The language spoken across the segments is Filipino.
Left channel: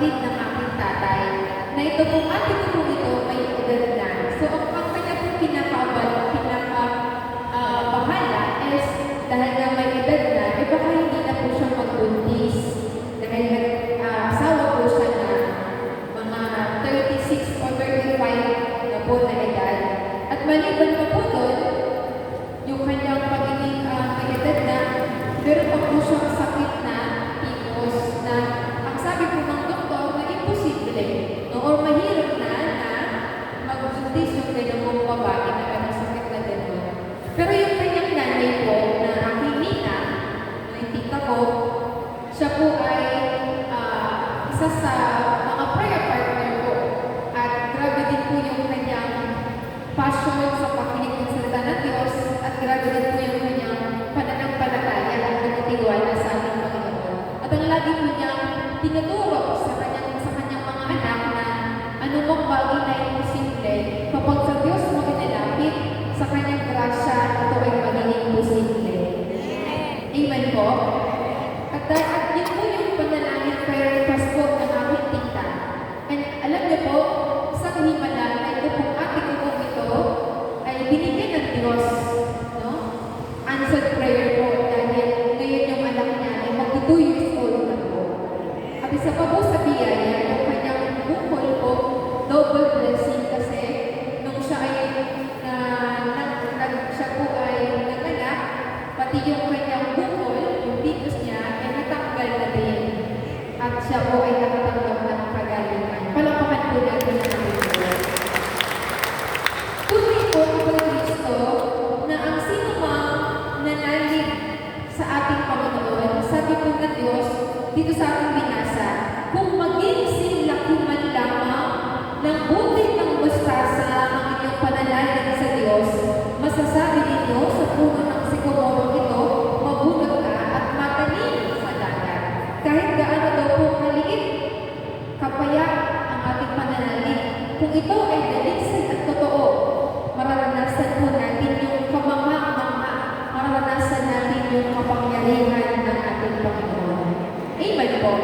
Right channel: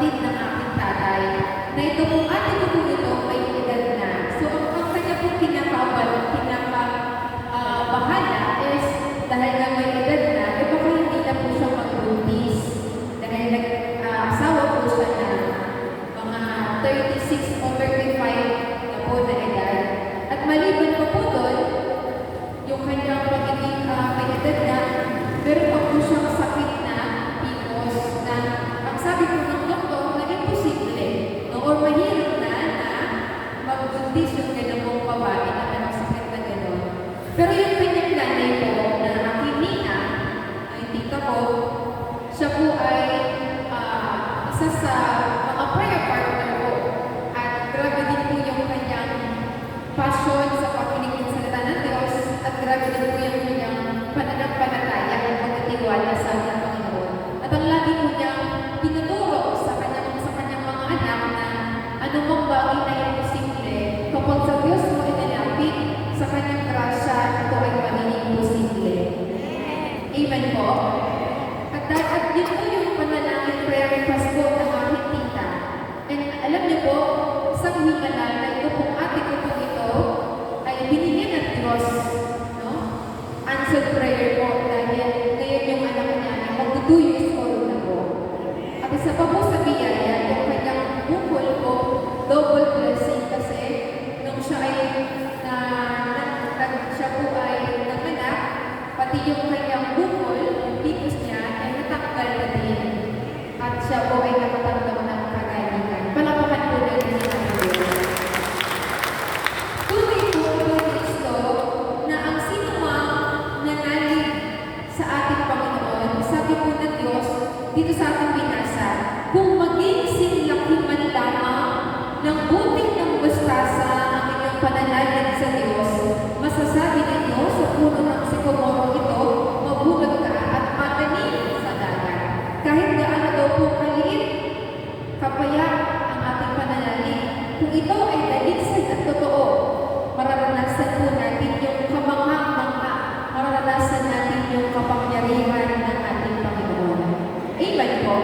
kapatid ng aking tatay, na ito pong ate ko po ito ay edad na. So, ang kanya pong bahala is, dahil nga may edad na, baka hindi na po siya magbuntis. Dahil asawa po siya na mga 36 o 35 na po na edad. At maliban pa po doon, yung kanyang pagiging may edad na, pero pa po siyang sakit na PCOS na ang sabi po ng doktor na imposible o mahirap na magbuntis yung ganung babae na ganung sakit na gano'n. Pero yung kanyang nanay po na aking nina, ay tita ko, siya po ay isa sa mga prayer partner ko. At grabe din po yung kanyang passion sa pakinig ng salita ng Diyos at grabe din po yung kanyang pananampalataya at pagtitiwala sa ating Panginoon. At ang lagi po niyang tinuturo sa kanyang mga anak na anumang bagay na imposible, kapag sa Diyos mo inilapit, sa kanyang grasya, ito ay magiging posible. Amen po. At yun po yung panalangin prayer request po ng aking tita. And alam niyo po, isang himala na ito pong ate ko po ito ay binigyan ng Diyos. No? Answered prayer po dahil ngayon yung anak niya ay mag-2 years old na po. At isa pa po sa biyaya, yung kanyang bukol po, double blessing kasi nung siya ay siya po ay naganak, pati yung kanyang bukol, yung titus niya, ay natanggal na din. At siya po ay nakatanggap ng kagalingan. Palapakan po natin na natin. Tunay po ito Kristo na ang sino mang nanalig sa ating Panginoon, sabi po ng Diyos dito sa ating binasa, kung maging sinlaki man lamang ng buti ng mustasa ang inyong pananalig sa Diyos, masasabi ninyo sa puno ng sikomoro ito, mabunod ka at matanim sa dagat. Kahit gaano daw po maliit, kapaya ang ating pananalig. Kung ito ay dalisay at totoo, mararanasan po natin yung kamangha-mangha, mararanasan natin yung kapangyarihan ng ating Panginoon. Amen po.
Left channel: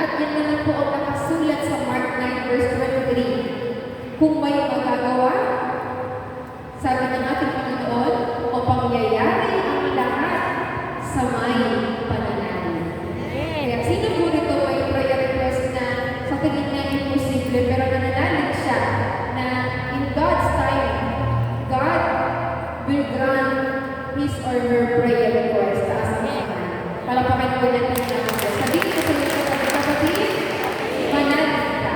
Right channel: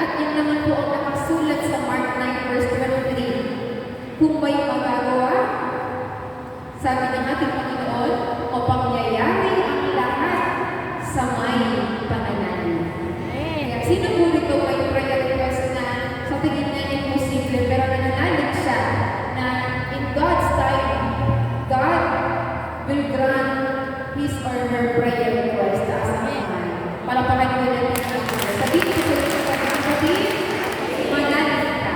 At yan naman po ang nakasulat sa Mark 9 verse 23. Kung may magagawa, sabi ng ating Panginoon, o pangyayari ang lahat sa may pananalig. Kaya sino po rito ay prayer request na sa tingin niya imposible pero nananalig siya na in God's time, God will grant his or her prayer request as a man. Palapakan po natin ang ating sabihin ko sa iyo sa kapatid, manalig ka.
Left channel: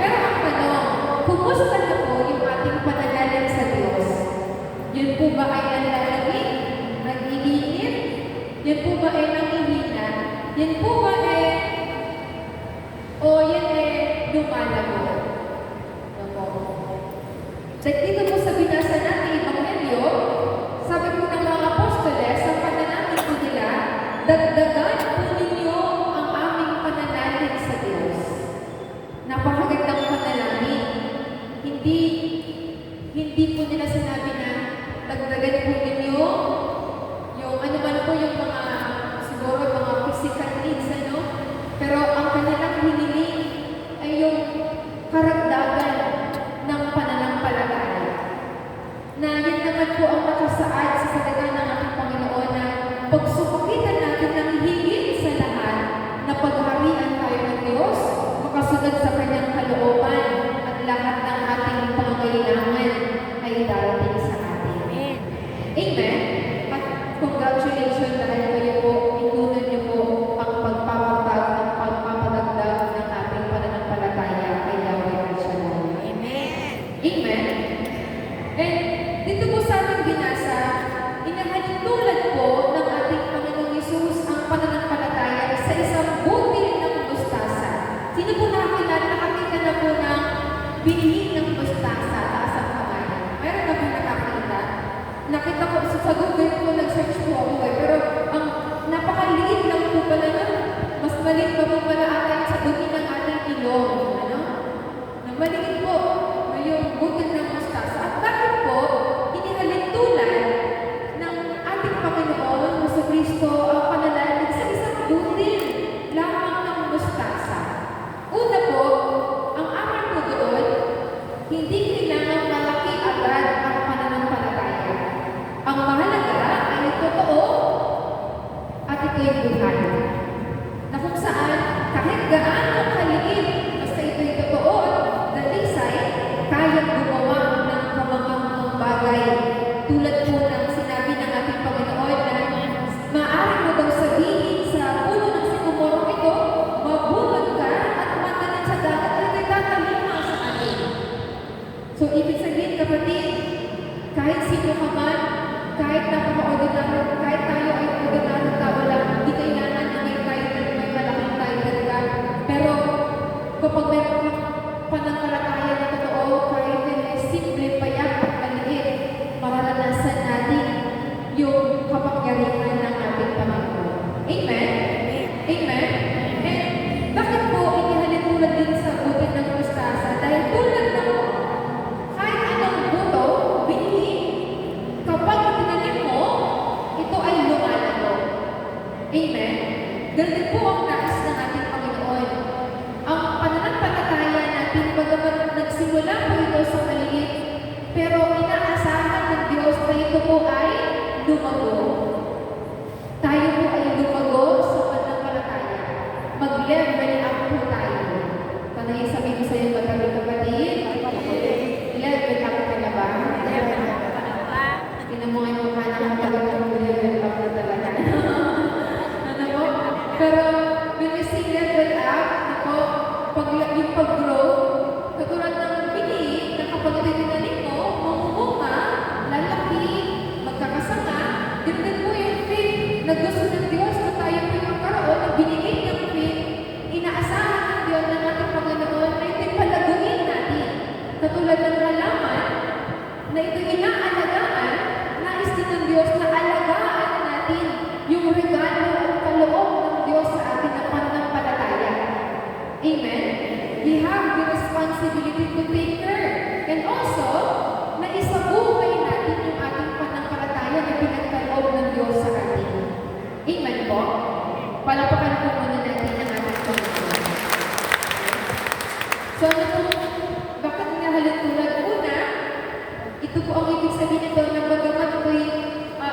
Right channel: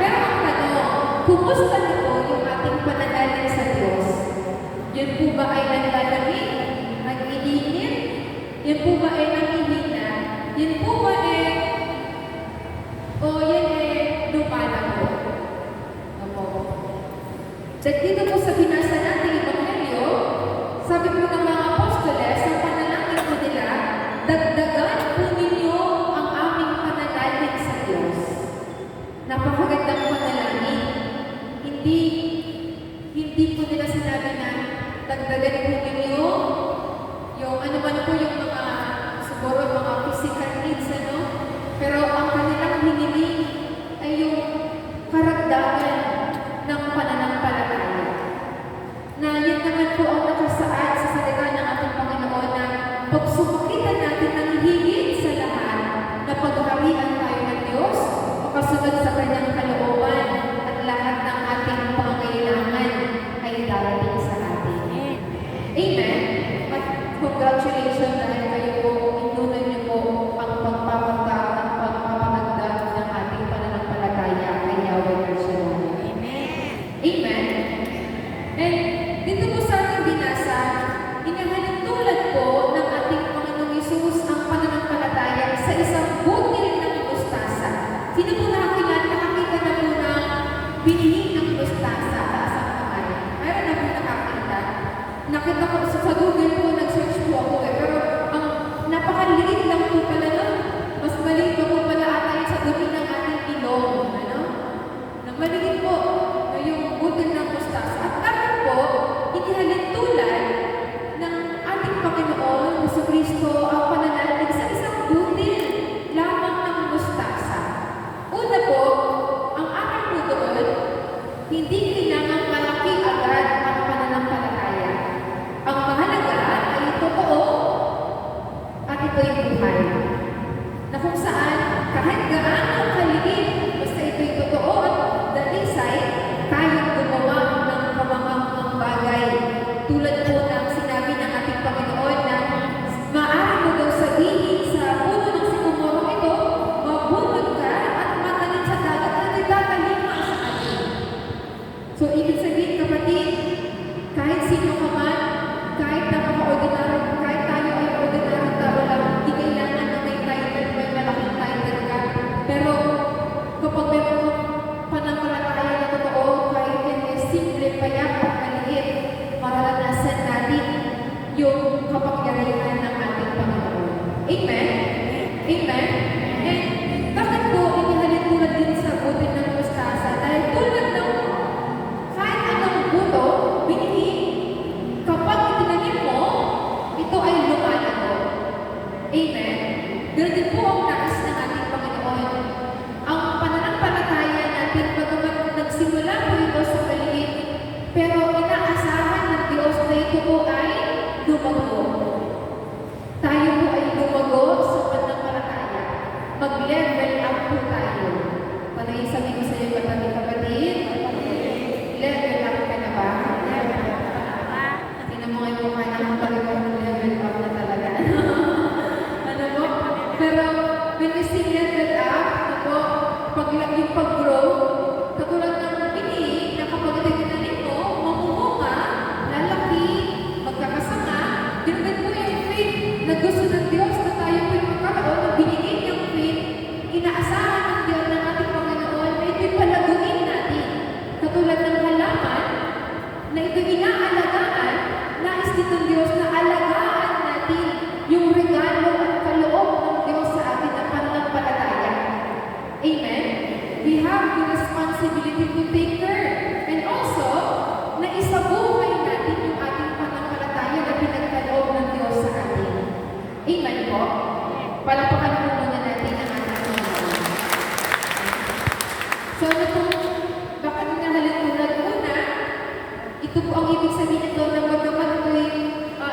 Pero ang tanong, kumusta na po yung ating pananalig sa Diyos? Yun po ba ay nanlalagin? Nag-iinit? Yun po ba ay nangihina? Yun po ba o yan lumalago? So, dito po sa binasa natin Evangelyo, sabi po ng mga apostoles, sa pananangin po nila, dagdagan po ninyo ang aming pananalig sa Diyos. Napakagandang panalangin. Hindi po nila sinabi na dagdagan po ninyo yung ano man po yung mga siguro mga physical needs, ano? Pero ang kanilang hiniling ay yung karagdagan ng pananampalataya. Na yun naman po ang nakasaad sa salita ng ating Panginoon na pagsubukitan natin ng higit sa lahat na pagharian tayo ng Diyos, makasunod sa kanyang kalooban at lahat ng ating pangailangan ay darating sa atin. Amen? At congratulations dahil kayo po, inunan niyo po ang pagpapatag at pagpapatagdag ng ating pananampalataya kay Yahweh Krishna. Amen? And dito po sa ating binasa, inahalintulad po ng ating Panginoong Hesus ang pananampalataya sa isang butil ng mustasa. Sino po nakakita na po ng binhi ng mustasa sa isang kamay? Mayroon na po nakakita. Nakita ko sa Google po, nag-search po ako pero ang napakaliit lang po pala nun. Mas maliit pa po pala ata sa dumi ng ating ilong. Ano? Nang maliit po yung butil ng mustasa. At bakit po, inihalintulad ng ating Panginoon, Kristo, ang pananalig sa isang butil lamang ng mustasa. gaano kaliit, basta ito'y totoo at dalisay, kayang gumawa ng kamanghamanghang bagay. Tulad po ng sinabi ng ating Panginoon na maaari mo daw sabihin sa puno ng sikomoro ito, mabunod ka at matanin sa dagat at nagtatalima sa atin. So, ibig sabihin, kapatid, kahit sino ka man, kahit napaka-ordinary, kahit tayo ay ordinary tao lang, hindi kailangan na may title, may malaking title ka. Pero, kapag meron kang pananampalataya na totoo, kahit yun ay simple, payak, maliit, mararanasan natin yung kapangyarihan ng ating Panginoon. Amen? Amen? And bakit po inihalin tulad din sa butil ng mustasa? Dahil tulad ng kahit anong buto, binhi, kapag itinanim mo, ito ay lumalago. Amen? Ganun din po ang nais ng ating Panginoon. Ang pananampalataya natin, bagamat nagsimula po ito sa maliit, pero inaasahan ng Diyos na ito po ay lumago. Tayo po ay lumago sa pananampalataya. Mag-level up po tayo. Panay sabihin ko sa iyo, kapatid, level up ka na ba? Tinan mo ngayon mukha na talagang level up na talaga. Ano po? Pero, when you see level up, ako, yung pag-grow, katulad ng pini, na kapag ito tinanim mo, mamumunga, lalaki, magkakasama, din po yung faith na gusto ng Diyos na tayo po yung magkaroon, na binigay niyang faith, inaasahan ng Diyos ng ating Panginoon na ito'y palaguin natin. Katulad ng halaman, na ito'y inaalagaan, nais din ng Diyos na alagaan natin yung regalo at kaloob ng Diyos sa atin na pananampalataya. Amen? We have the responsibility to take care. And also, na isabuhay natin yung ating pananampalataya na pinagkaloob ng Diyos sa atin. Amen po? Palapakan po muna natin ang ating Panginoon. So, ano po, bakit nahalin tulad una? Ito po ang ibig sabihin nito na bagamat ito'y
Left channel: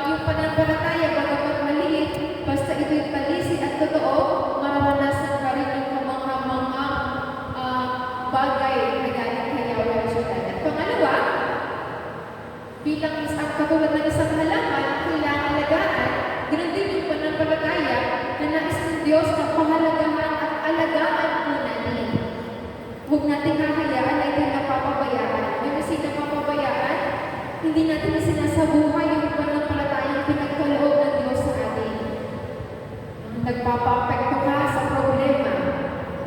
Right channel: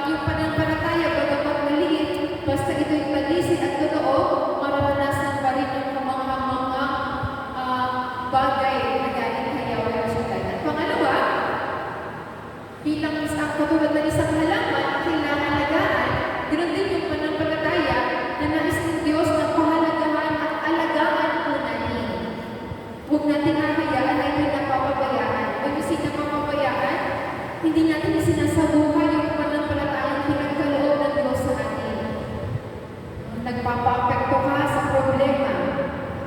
yung pananampalataya, bagamat maliit, basta ito'y palisid at totoo, mararanasan pa rin yung kamanghamanghang bagay na galing kay Yahweh Shaddai. At pangalawa, bilang isang katulad ng isang halaman, kailangan alagaan, ganoon din yung pananampalataya na nais ng Diyos na pahalagahan at alagaan po natin. Huwag natin hahayaan na ito'y napapabayaan. Yung kasi napapabayaan, hindi natin sinasabuhay yung pananampalatayang pinagkaloob ng Diyos sa atin. Nagpapa-apekto ka sa problema.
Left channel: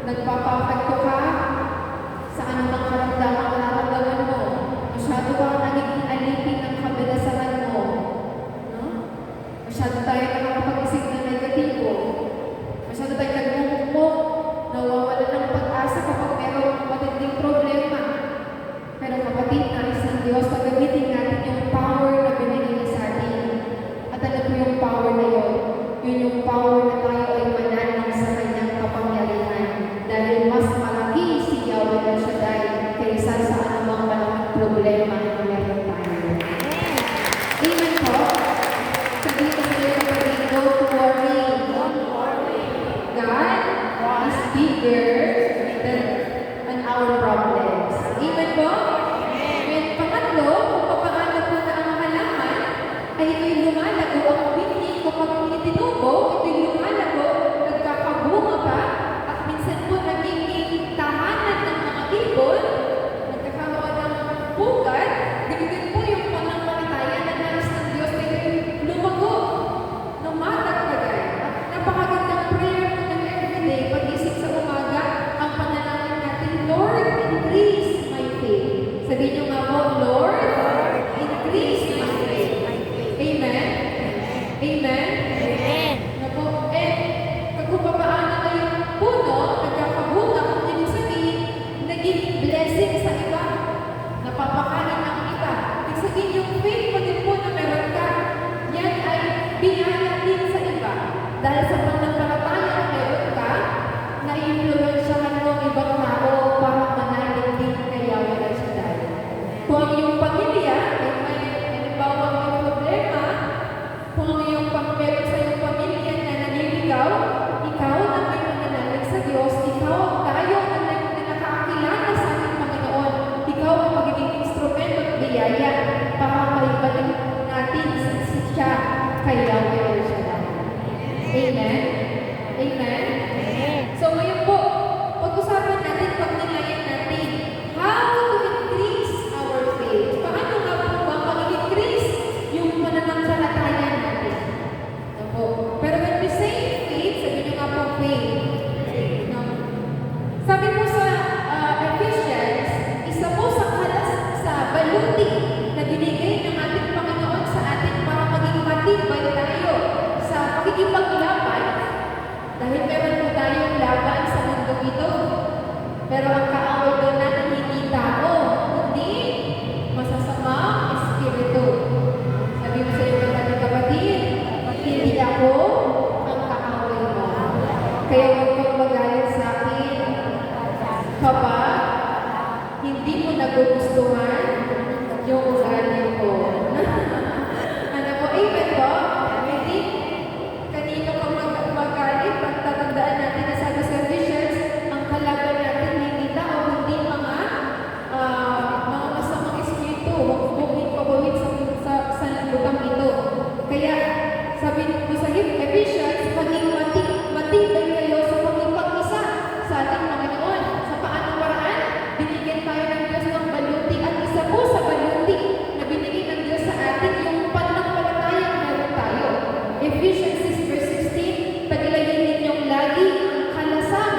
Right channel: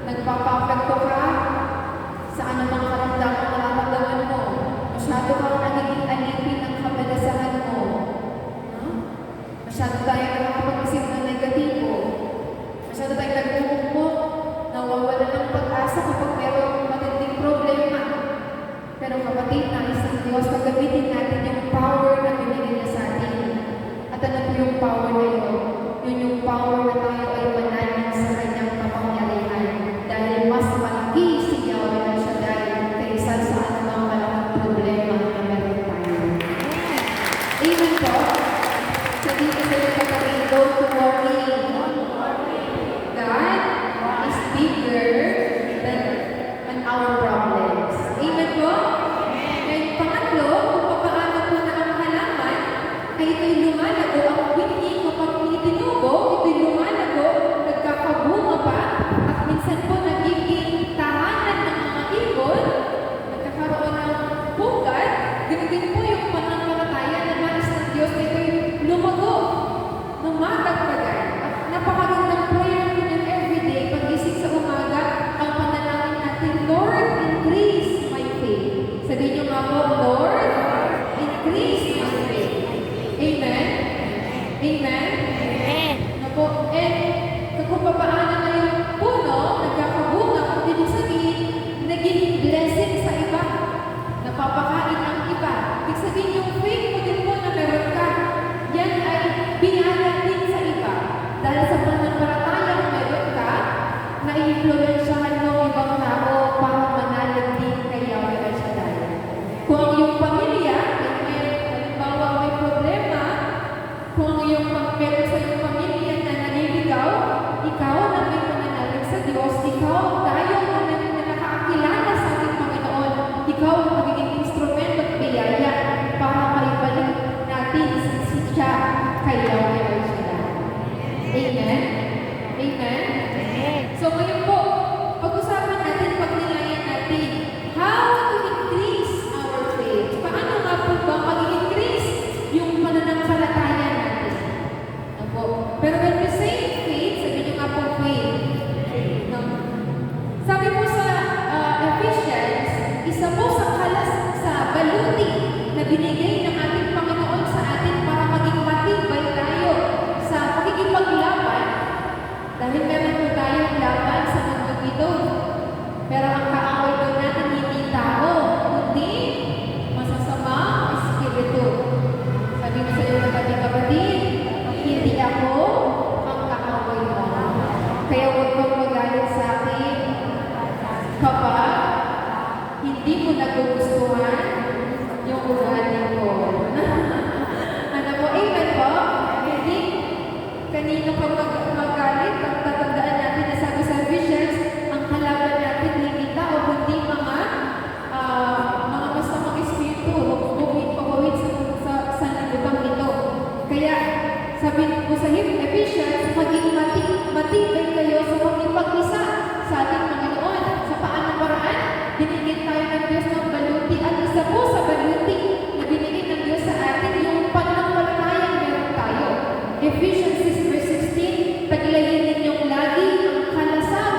Nagpapa-apekto ka sa anumang karamdaman na nararamdaman mo. Masyado ka nagiging alipin ng kabalasahan mo. No? Masyado tayo nakakapag-isip ng negatibo. Masyado tayo nagmumukmok. Nawawala ng pag-asa kapag mayroong matinding problema. Pero kapatid, nais ng Diyos na gamitin natin yung power na binigay niya sa atin. At ano po yung power na yun? Yun yung power na tayo ay manalig sa kanyang kapangyarihan. Dahil mas malaki si Yahweh Shaddai kaysa sa anumang malaking problema na meron Kaya huwag kang magalit sa akin kapag hindi mo nagugustuhan yung ugali ko. Ano po, amen po? Hindi kanino ka magalit, tatandaan natin na sabi sa Ephesians, ang kalaban natin hindi tao, kundi mga masamang espiritu, buming pagawid sa lugang ito. Kaya, sabi ko sa Ephesians, maging matibay kayo sa pagkipag-isa sa ating Panginoon. Sa paanong paraan? Binigyan tayo ng Diyos ng baluti. At isa po sa baluti na binigyan ng Diyos sa atin, yung pananampalatayang meron tayo. Ephesians 6 verse 16, taglayin ninyong lagi ang kalasam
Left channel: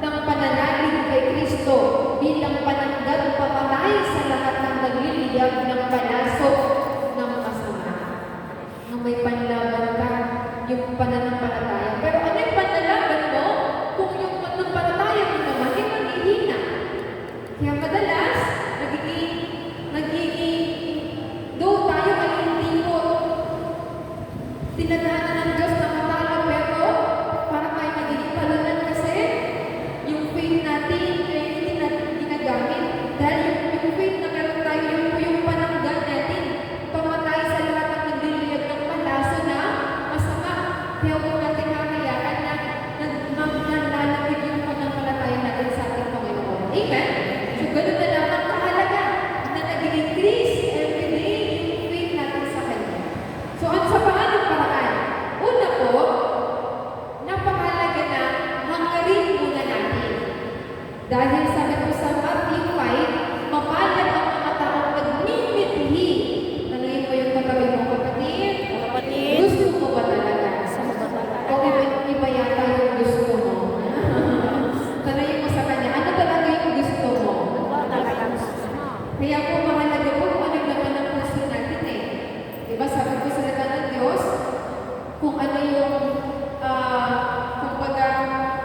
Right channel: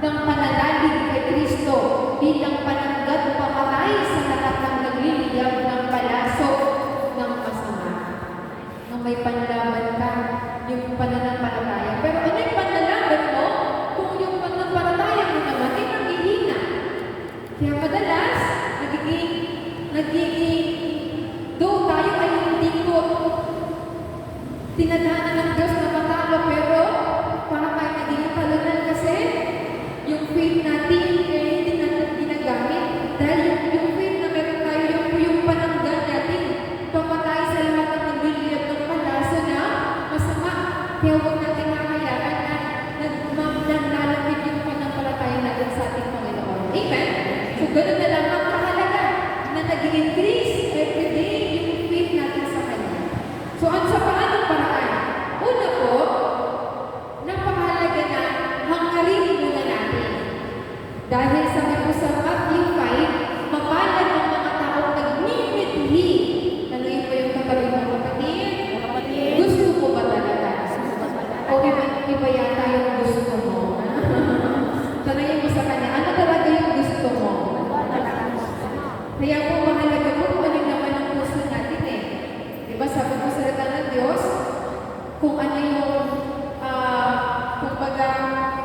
ng panalangin kay Kristo bilang pananggat pamatay sa lahat ng nagliliyab ng palasok ng masama. Nung may panlaban ka, yung pananampalataya. Pero ano yung panlalaban mo kung yung pananampalataya mo naman ay naghihina? Kaya madalas, though tayo ay hindi po tinadhana ng Diyos na matalo, pero para tayo naging talunan kasi yung faith natin ay hindi natin ginagamit. Dahil yung faith na meron tayo, yun po yung pananggan natin. Pamatay sa lahat ng nagliliyab ng palaso na masama. Kaya huwag natin kakayaan na nanlalapit yung pananampalataya natin sa ating Panginoon. Amen? So, ganoon na lang ang kahalaga na nag-increase every day yung faith natin sa Kanya. So, sa paanong paraan? Una po, napakahalaga na hangarin muna natin. Dahil sabi ko sa Matthew 5, mapalad ang mga taong nagmimithi. Nalagay pa yung katabi mo, kapatid? Gusto mo ba talaga? O iba yata yung gusto mo? Tanayin mo sa Kanya, ano talaga yung gusto mo? Kaya po mahalaga po kung ano naman ang puso natin eh. Diba sabi ko sa salita ng Diyos, kung ano yung, kumbaga,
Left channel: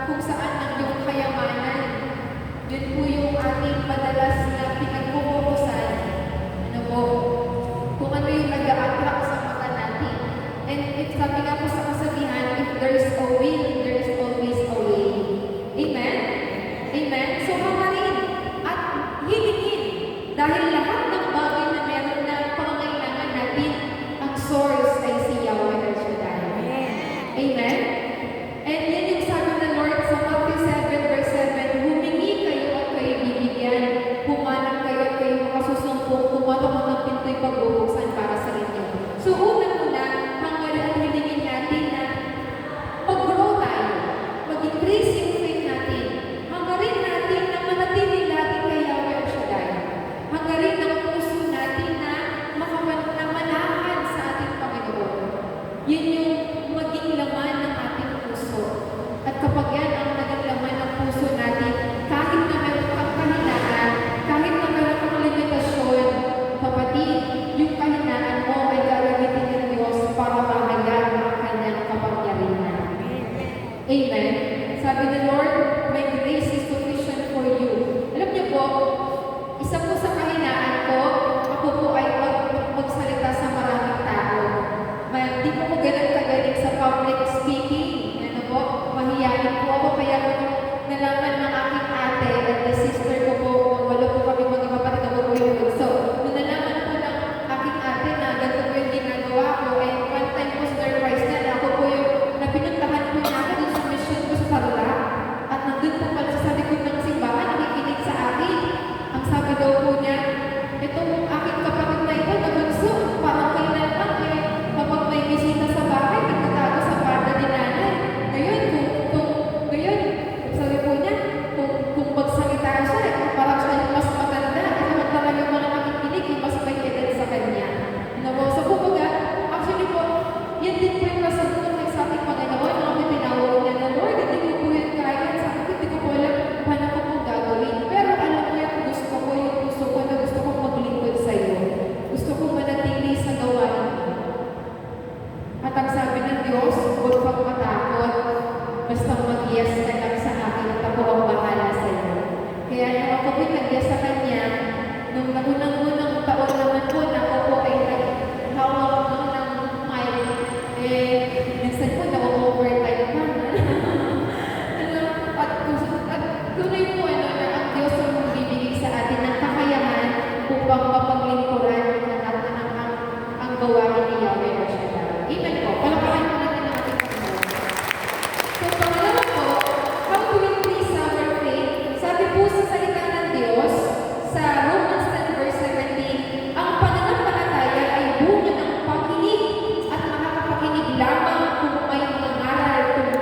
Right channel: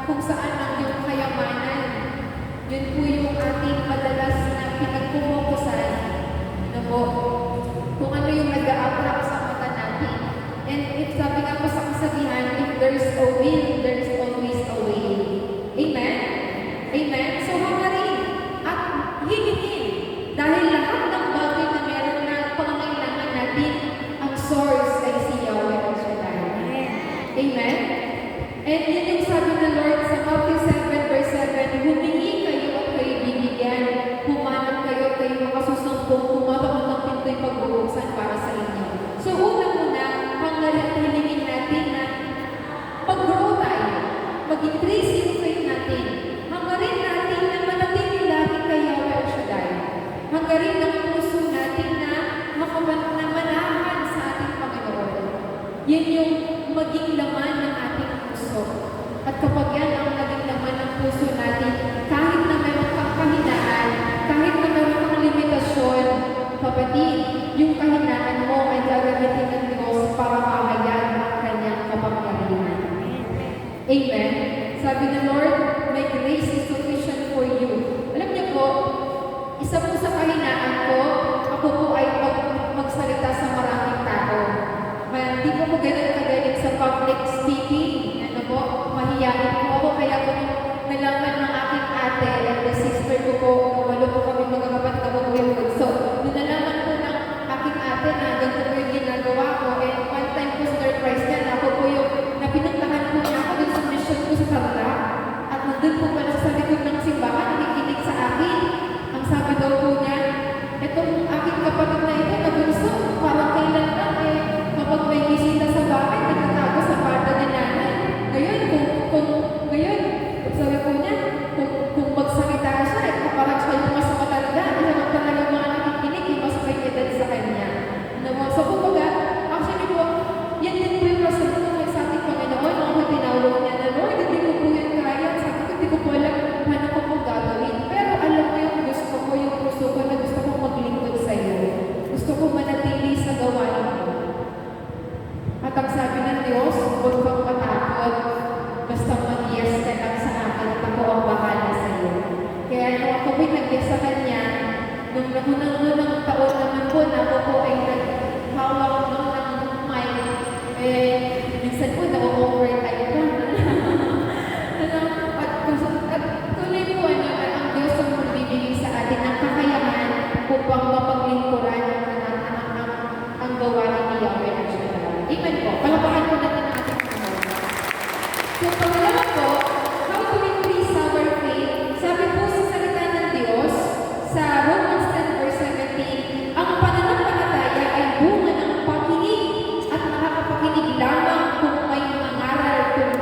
kung saan ang iyong kayamanan, yun po yung ating madalas na pinagpupukusan. Ano po? Kung ano yung nag-a-attract sa mata natin. And if sabi nga po sa kasabihan, if there's a will, there's always a way. Amen? Amen? So, hangarin at hingin. Dahil lahat ng bagay na meron na pangangailangan natin, ang source ay si Yahweh El Shaddai. Amen? And yan yung sabi ng Lord sa Matthew 7 verse 7, humingi kayo at kayo bibigyan, humanap kayo at kayo makasusumpong, kumatok ng pinto'y pagbubuksan para sa inyo. So una-una, hangarin at hilingin natin na mag-grow tayo, mag-increase yung faith natin. Hangarin natin na manatili lagi kay Yahweh El Shaddai. Hangarin ang puso natin na manahan sa ating Panginoon. Yun yung maging laman ng ating puso. At kapag yan ang naging laman ng puso natin, kahit na meron kang kahinaan, kahit na meron kang limitasyon, kapatid, yung kahinaan mo ay gagamitin ng Diyos para mahayag ang kanyang kapangyarihan. Amen? Sabi ng Lord, my grace is sufficient for you. Alam niyo po, isa po sa kahinaan ko, ako po ay magsalita sa maraming tao. Hindi po ganun kagaling sa public speaking. Ano po, mahiyain po ako. Kaya po nalaman ng aking ate at the sister ko po, walo po kami magkakapatid ako po yung gusto. Nung nalaman po ng aking ate na ganito po yung ginagawa ko, one time po surprise niya na ako po yung napinuntahan po niya ako dun sa mission ko sa Tarlac. At nung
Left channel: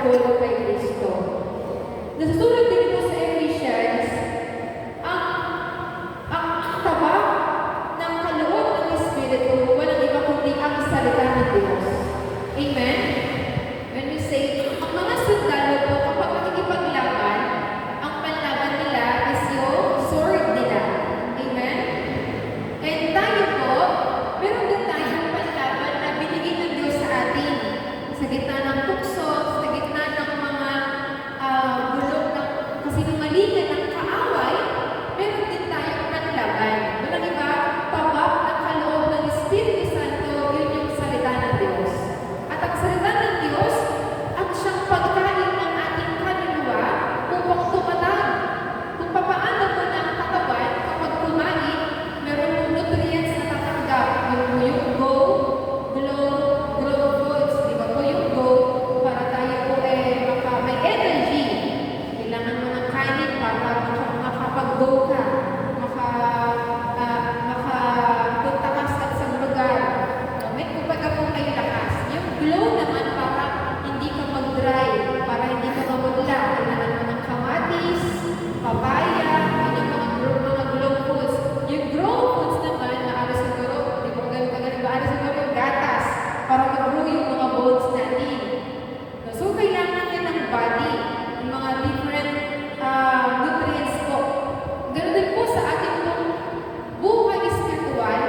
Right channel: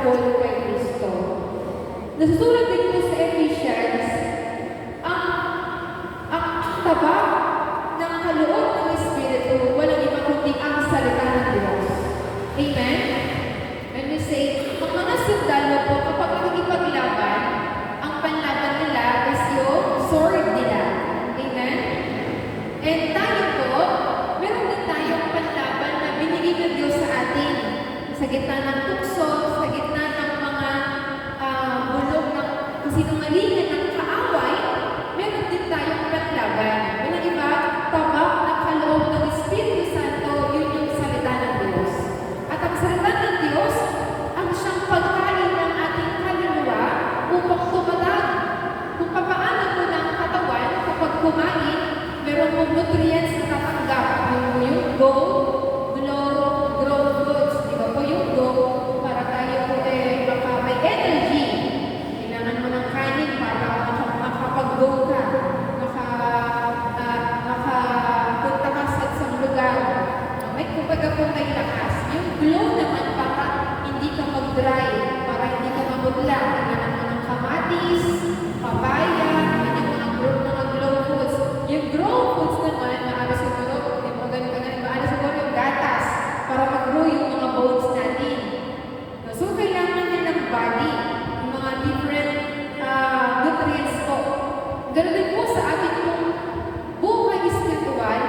pagpapatuloy kay Kristo. Nasusulat din po sa Ephesians, ang tabak ng kaloob ng Espiritu, walang iba kundi ang salita ng Diyos. Amen? When we say, ang mga sundalo po, kapag nakikipaglaban, ang panlaban nila is yung sword nila. Amen? And tayo po, meron din tayong panlaban na binigay ng Diyos sa atin. Sa gitna ng tukso, sa gitna ng mga bulong ng kasinungalingan ng kaaway, meron din tayong panlaban. Walang iba, tabak ng kaloob ng Espiritu Santo, yun yung salita ng Diyos. At ang salita ng Diyos, ang siyang pagkain ng ating kaluluwa upang tumatag. Kung papaano po na ang katawan kapag kumain, meron mong nutrients na tatanggap. Yung go, grow foods. Di ba po yung go, para tayo po may energy. Kailangan mo ng kanin para makapag-go ka. Makapunta ka sa isang lugar. May kumbaga po may lakas. Yung glow naman para hindi ka mag-dry, para hindi ka mabudla. Kailangan mo ng kamatis, papaya, yung mga glow foods. Yung grow foods naman, maaari siguro, di ba ganun ka ganun, maaari siguro yung gatas para mag-grow yung mga bones natin. So, kailangan niya ng body, yung mga different nutrients po. Ganun din po sa ating buhay spiritual,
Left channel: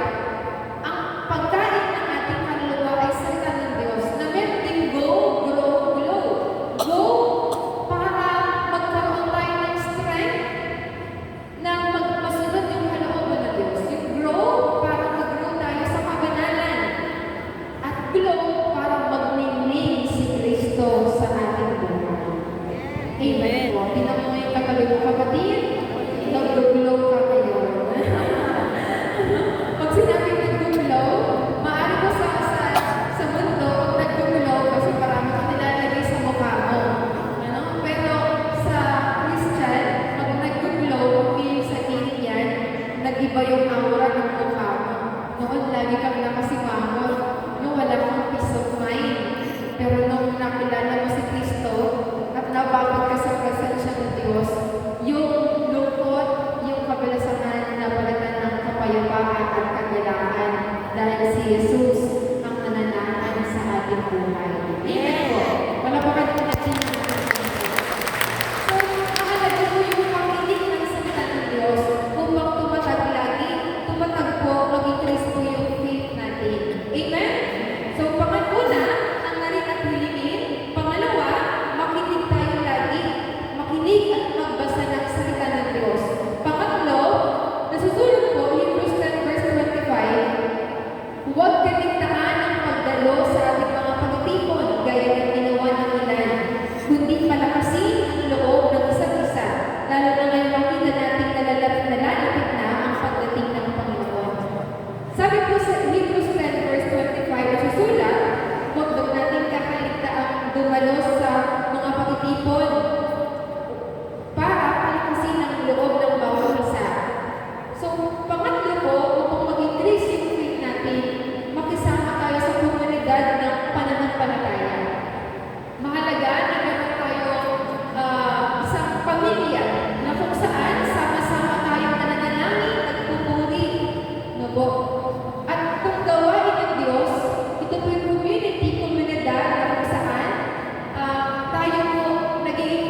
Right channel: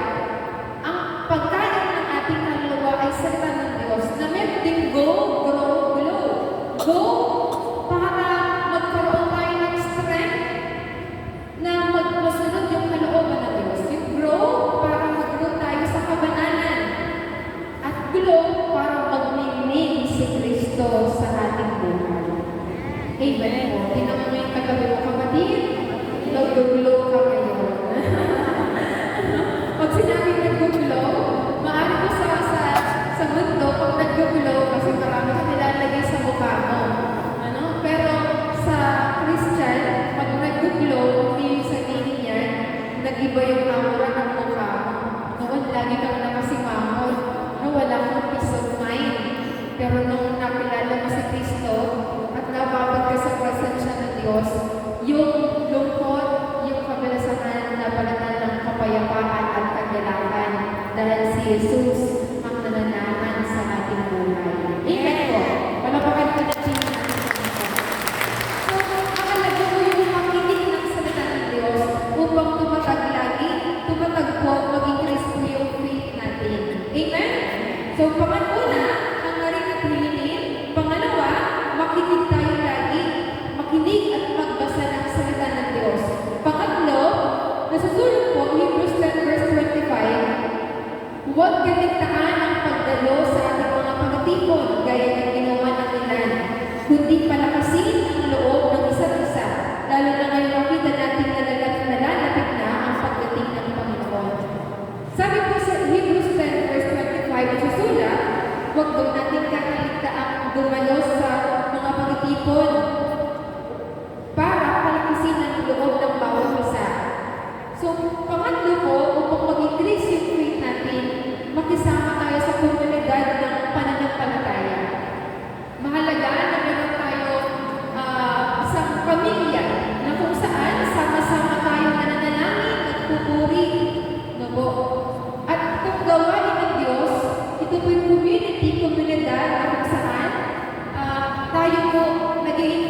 ang pagkain ng ating kaluluwa ay salita ng Diyos na meron ding go, grow, glow. Go para magkaroon tayo ng strength na masunod yung kalooban ng Diyos. Yung grow para mag-grow tayo sa kabanalan. At glow para magnining si Kristo sa ating buhay. Amen. Tingnan mo yung katabi mo, kapatid. Nag-glow ka ngayon. Pag sinabi nag-glow, maaari mo sa mundo, nag-glow kasi marami ka nilalagay sa mukha mo. Pero sa Christian, pag nag-glow, hindi sa ining yan, nag-iba yung aura ng mukha mo. Noon, lagi kang nakasimango, yung wala kang peace of mind. Pero nung nakilala mo si Kristo at nababag ka sa presensya ng Diyos, yung lungkot, yung kabalasahan, nabalatan ng kapayapaan at kagalakan dahil si Jesus ang nananahan sa ating buhay. Amen po. Wala pa kayo connection ng So, mahalaga po yung makinig ng salita ng Diyos upang tumatag lagi, tumatag po, maging Kristo yung faith natin. Amen? So, pangalawa, ang narin at hilingin. Pangalawa, makinig tayo lagi. Makinig at magbasa ng salita ng Diyos. Pangatlo, nasusulat po, Hebrews 10 verse 25, huwag kaligtaan ang pagdalo sa ating mga pagtipon gaya ng ginawa ng ilan, kundi palakasin ang loob ng isa't isa, lalo na ngayon makita natin nalalapit na ang pagdating ng Panginoon. Sabi po sa Hebrews 10 verse 25, nasusulat, huwag daw natin kakaligtaang dumalo sa mga pagtipon para palakasin ang loob ng bawat isa. So, pangatlo po, upang mag-increase yung faith natin, makisama tayo sa komunidad ng pananampalataya. Mahalaga na meron tayo isang pamilya na kung saan sama-sama tayong nananalangin, nagpupuri, po. At itong gawain ng Diyos, ito po yung community, komunidad na kung saan tayo po naging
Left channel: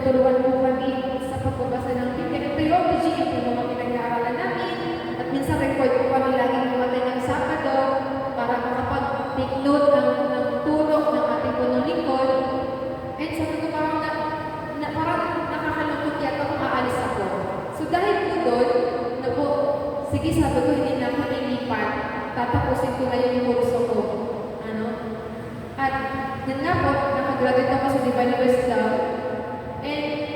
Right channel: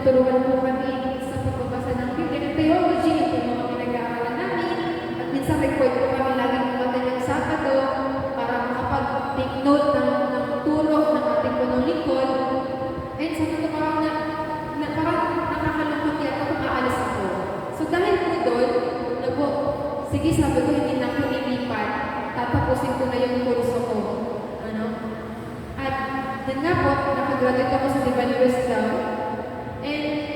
tinuturuan po kami sa pagbabasa ng Biblia ng theology, yung po mga pinag-aaralan namin. At minsan record po kami laging pumatay ng Sabado para makapag-take note ng turo ng ating punong lingkod. And sabi ko parang nakakalungkot yata kung aalis ako. So dahil po doon, sige sabi ko hindi na ako lilipat, tatapusin ko na yung kurso ko. Ano? At din na po, nakagraduate ako sa Divine Wisdom. And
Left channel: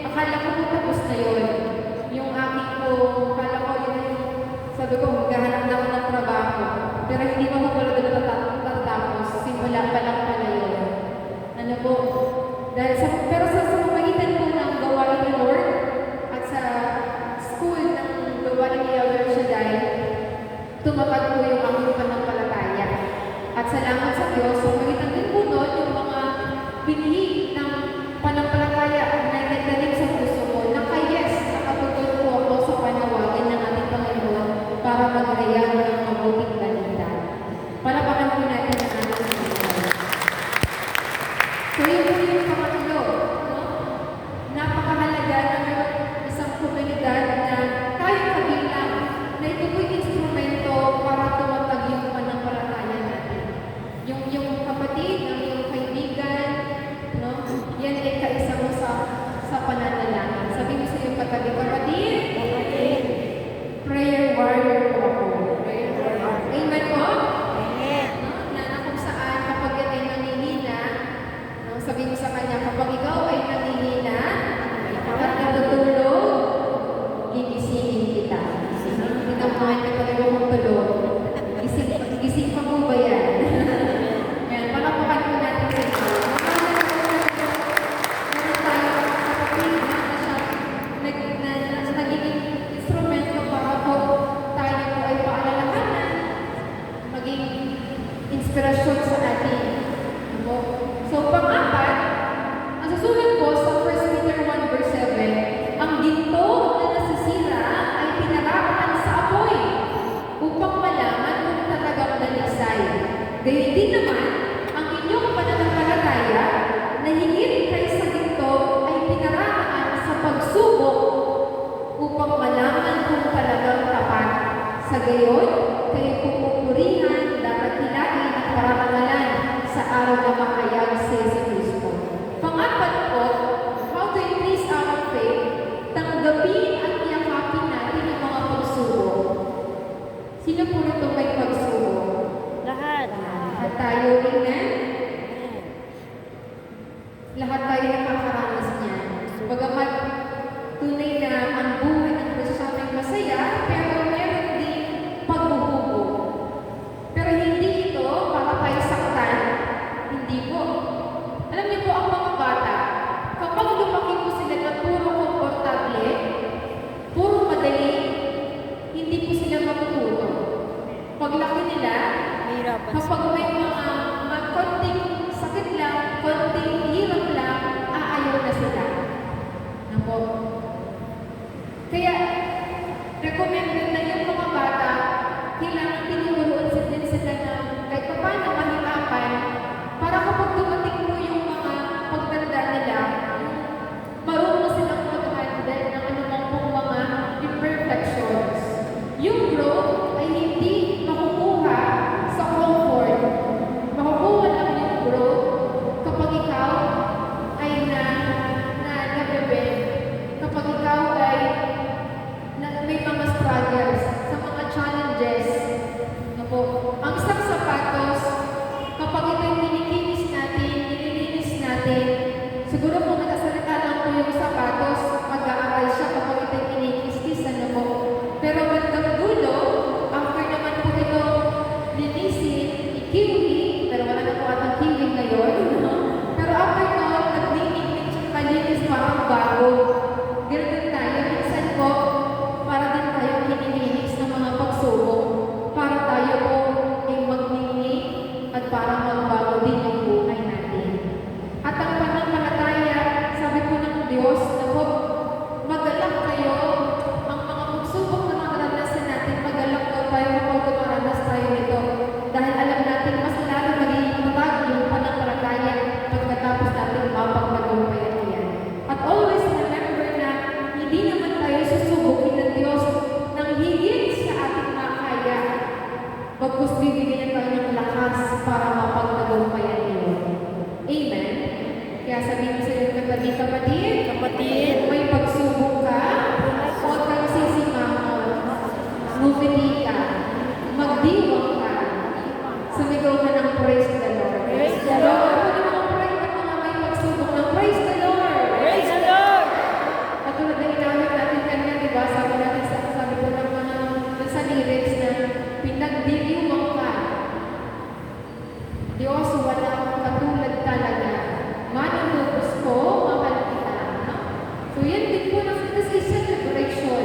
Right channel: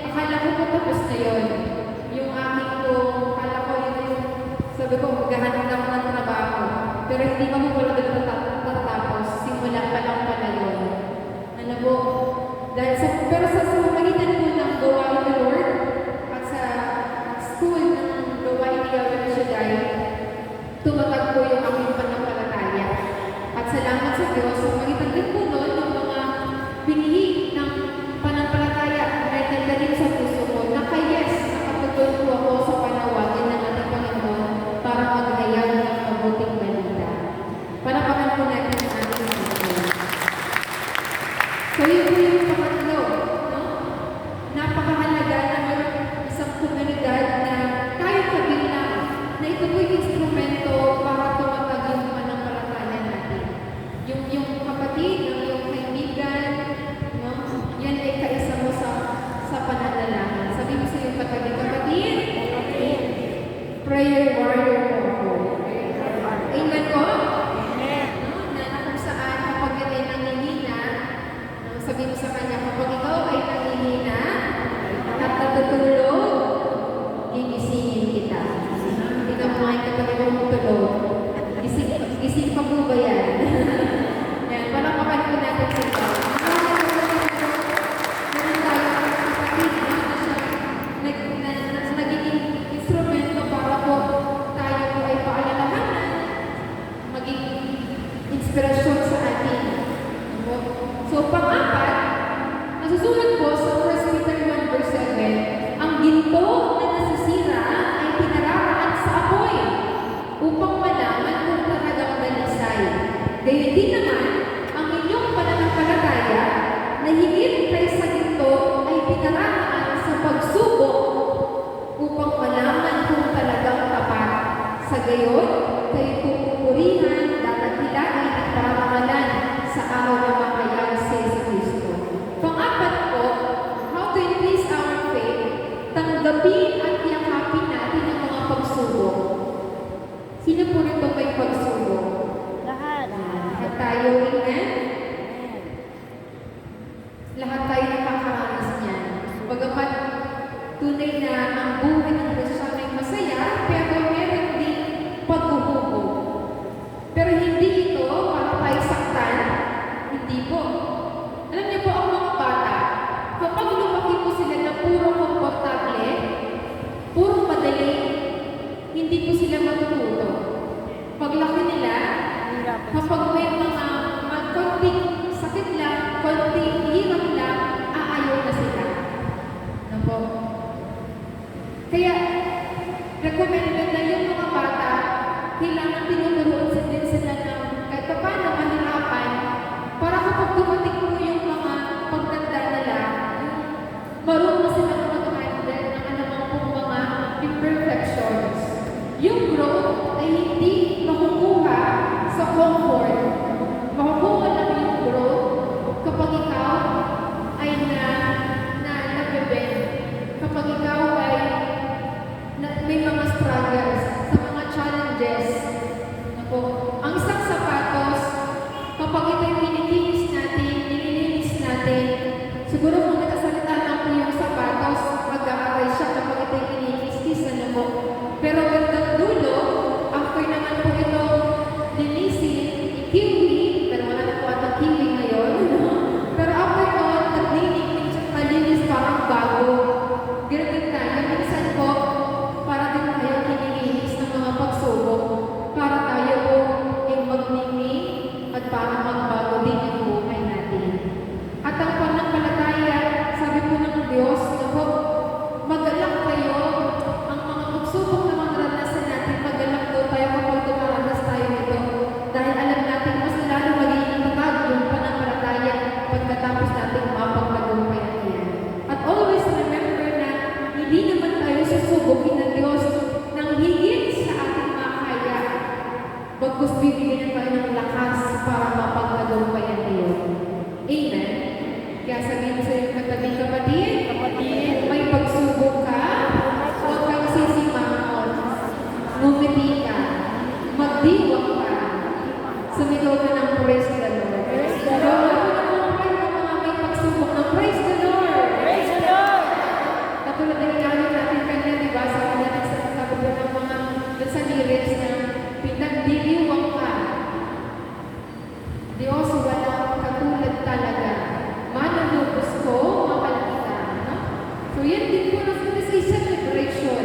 yan din po nasa isa celebration.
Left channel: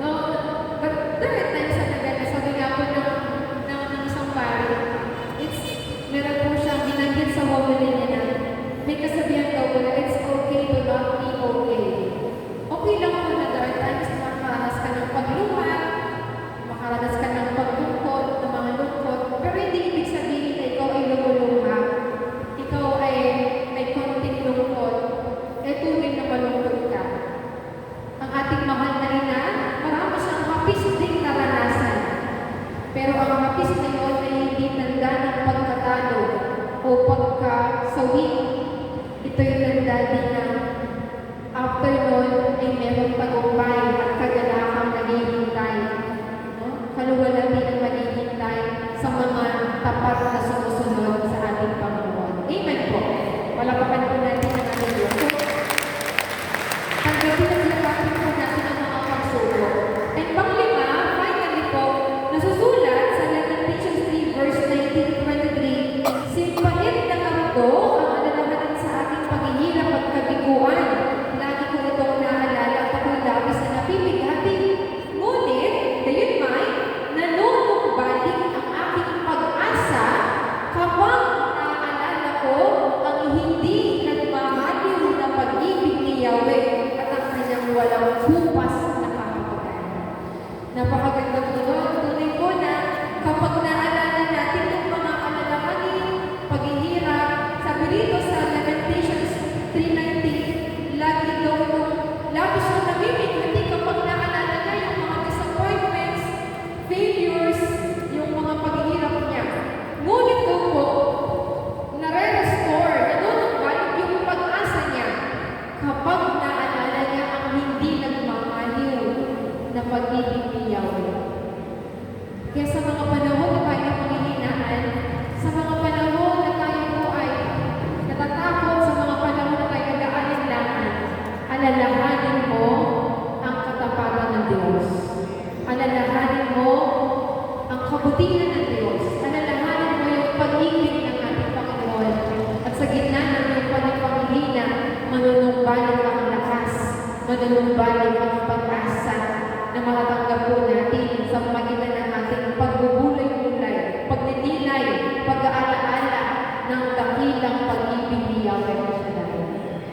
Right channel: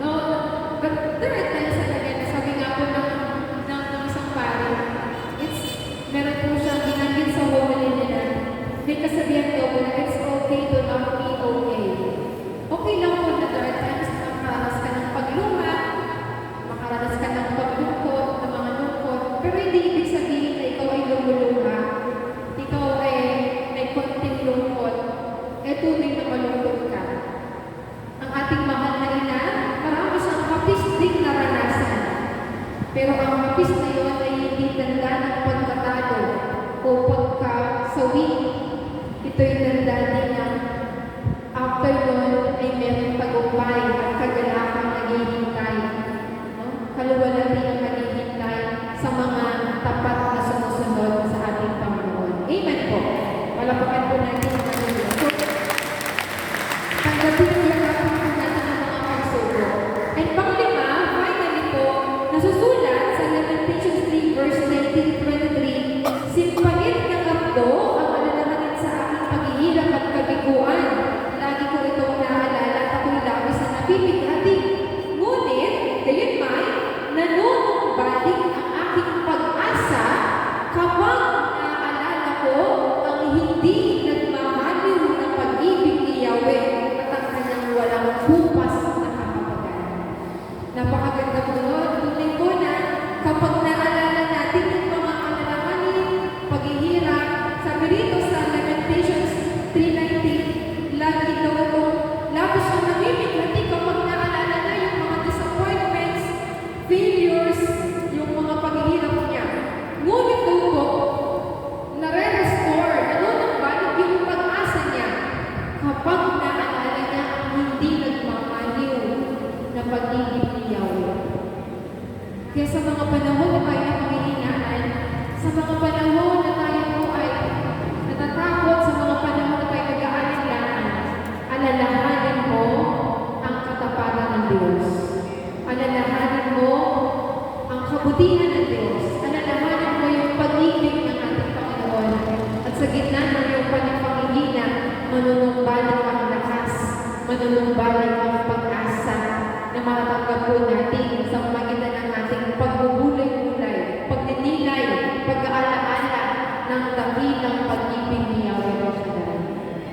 No? But there are times na talaga, sabi nga po ng isang pari, meron po siyang binanggit sa homily nila. May kasabihan daw na it's okay to not be okay. Okay lang po na there are times na makaranas ka ng pagluha, makaranas ka ng paglungkot, ng mga lungkot, pero hindi ibig sabihin na ikaw ay lumuluha, ikaw ay may konting lungkot, tunay na malungkot ka. Ang ating mahal na ina, marami siyang hapis ding naranasan. Pero ang hapis na yun ay hindi tanda ng pagkatalo o pagkasawi. Ito'y tanda din na after nun ay merong tagumpay at kagalakan na naghihintay. Kaluwalhati ang naghihintay sa mga tapat na sumusunod sa ating Panginoon. Amen po. Wala pa po natin ang Panginoon. Tanggapin ang natin po natin ang mga pagsubok. And panglima, finally po, nasusulat sa Lamentations 3 verse 19-23, simpangit ng ako ang alalahanin sa aking paghihirap at kabiguan. Lagi ko itong naalala at ako'y labis na nabibighati. Ngunit, gayunman, nanunumbalik ang aking pag-asa kapag naaalala ko ang hindi nagmahaliw na pag-ibig ni Yahweh at ang kanyang walang bukas na kapagalan. Napakaganda po doon. Tunay po na kapag naalala natin ang mga alalahanin, paghihirap, sabi rito sa Lamentations 3:19, lagi daw itong labis na namimighati kapag naalala na yung mga disappointments, failures, yung mga paghihirap niya. Ngunit po, nare-restore, nanunumbalik yung pag-asa niya kapag naalala niya ang hindi nagmamaliw na pag-ibig ni Yahweh. Kaya sa mga panahon na tayo panghihinaan, sa mga panahon na tayo po ay natatakot, sa mga panahon na tayo nag-aalinlangan, alalahanin mo ang katapangan ng Diyos. Alalahanin mo ang kabutihan ng Diyos. Alalahanin mo yung pag-ibig ng ating Panginoon. At sa gitna ng iyong panipanghihina, manunumbalik ang lakas, manunumbalik ang pag-asa na makatanggap po natin sa pamagitan ng ating pagbubulay-bulay, pagninilay, pag-aalaala ng dakilang pag-ibig ni Yahweh.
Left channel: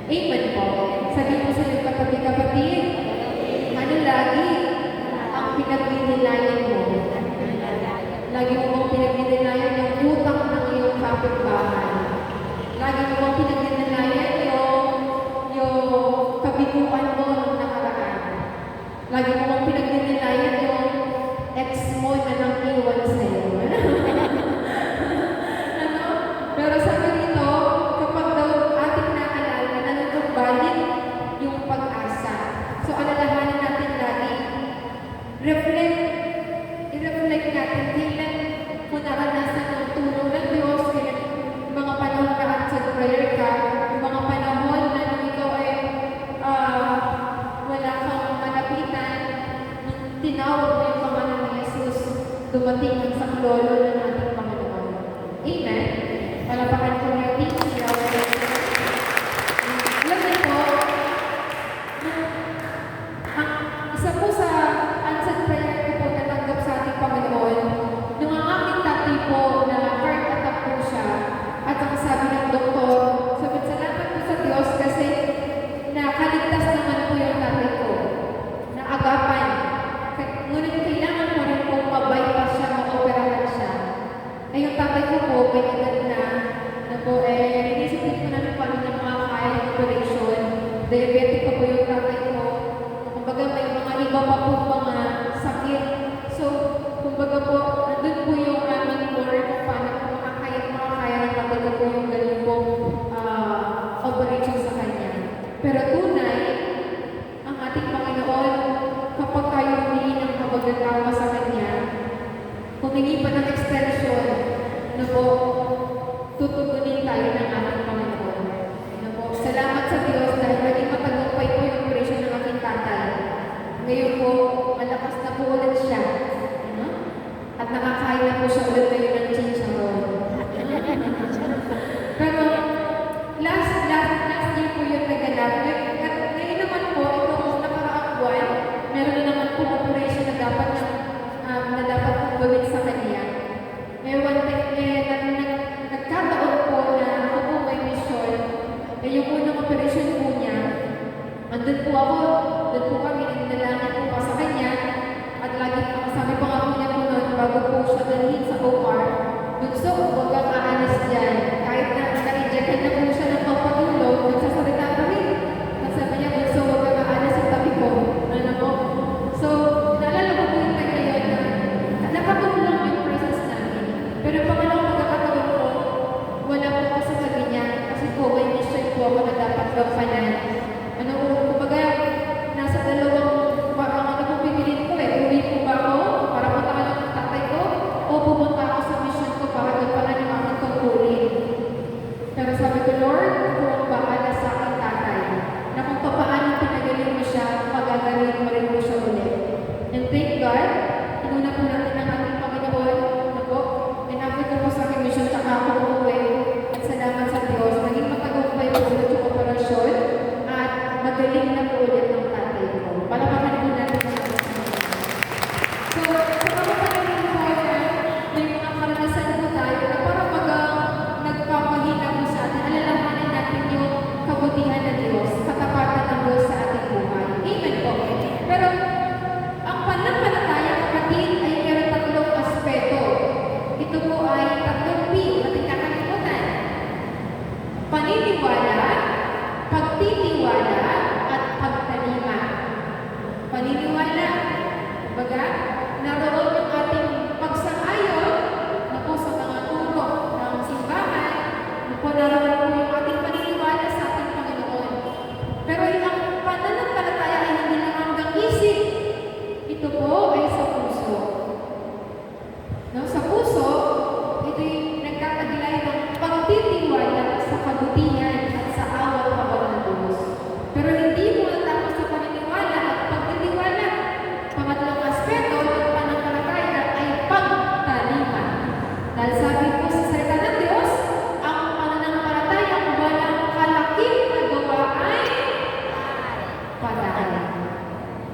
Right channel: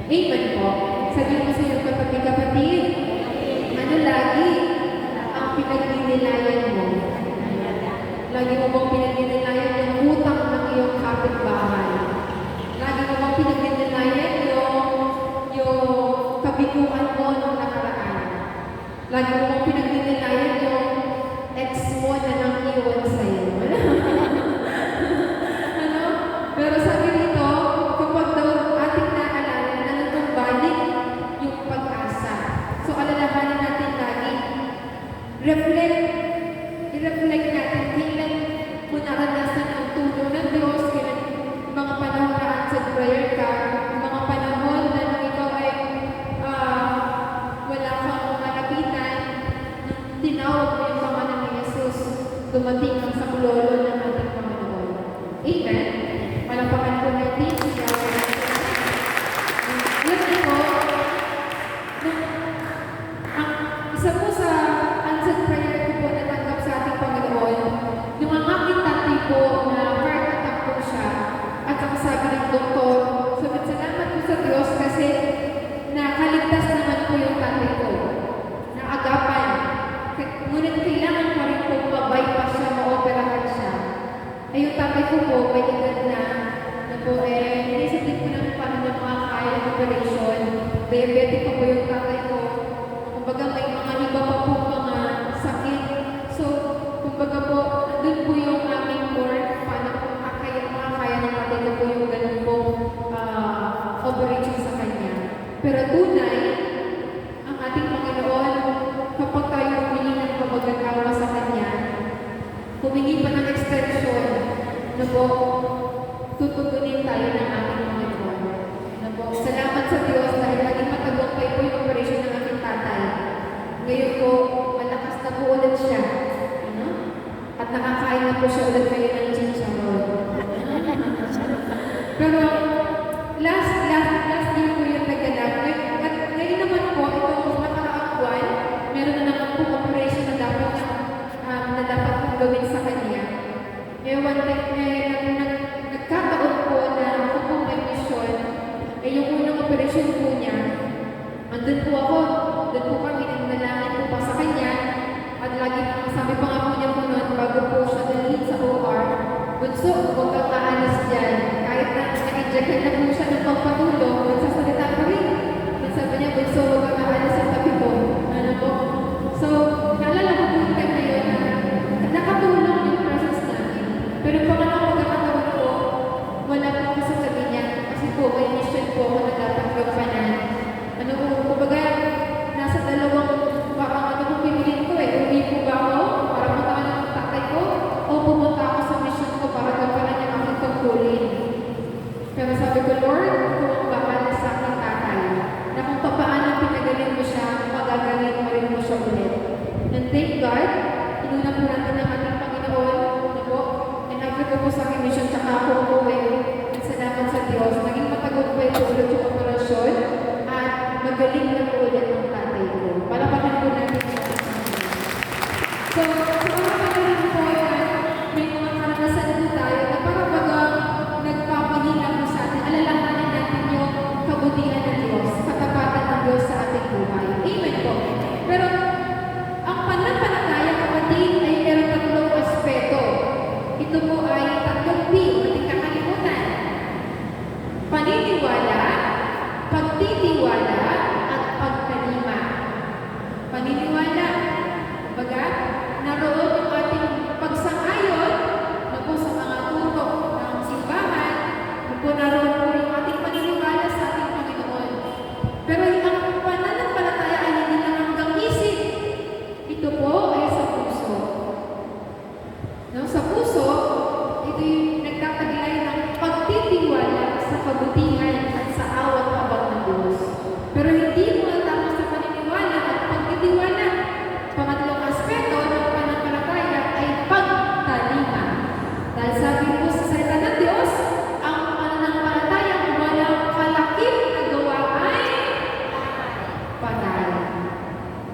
Amen po. Sabi mo sa iyong kapatid, ano lagi ang pinagninilayan mo? Lagi mo bang pinagninilayan yung utang ng iyong kapitbahay? Lagi mo bang pinagninilayan yung kabiguan mo nung nakaraan? Lagi mo bang pinagninilayan yung ex mo na nang iwan sa'yo? Ano? Pero sabi rito, kapag daw ating naalala na natumbalik yung pag-asa. So, alalahanin natin lagi. I-reflect natin kailan mo naranasan ang tulong ng Diyos, kailan mga panahon na answered prayer ka, yung mga panahon na ikaw ay wala kang malapitan, nung tinawag mo yung pangalan ni Jesus, dumating ang saklolo ng ating Panginoon. Amen? Malapakan po natin si Yahweh. Lagi po, ang isa po sa answered prayer ko po natanggap sa ating Panginoon, nung ang aking tatay po na heart attack po siya, at ang sabi ng doktor, sabi, salamat po sa Diyos kasi nakaligtas naman po yung tatay ko, na agapan. Ngunit kailangan pa rin po ma-bypass siya, ma-operahan siya. Ay yung tatay ko po, may edad na po, inisip ko namin paano na mga kaya ng operation. Diabetic pa po yung tatay ko. Kumbaga may mga iba pa po mga sakit. So, kumbaga po, nandun po yung aming work, paano po makakaya ng tatay ko po yung ganun po operation sa kanya. Pero tunay, ang ating Panginoon, kapag tayo humili ng kabagatawa sa Kanya, humingi pa ng extension na po, tutugunin tayo ng ating Panginoon. Na po, salamat sa Diyos dahil maging matagumpay po yung operation ng ating tatay. Ngayon po, malakas na po ulit siya. Ano? At nakakain na po siya ulit kayo ng chicharon. Pero, last year po yung naganap. At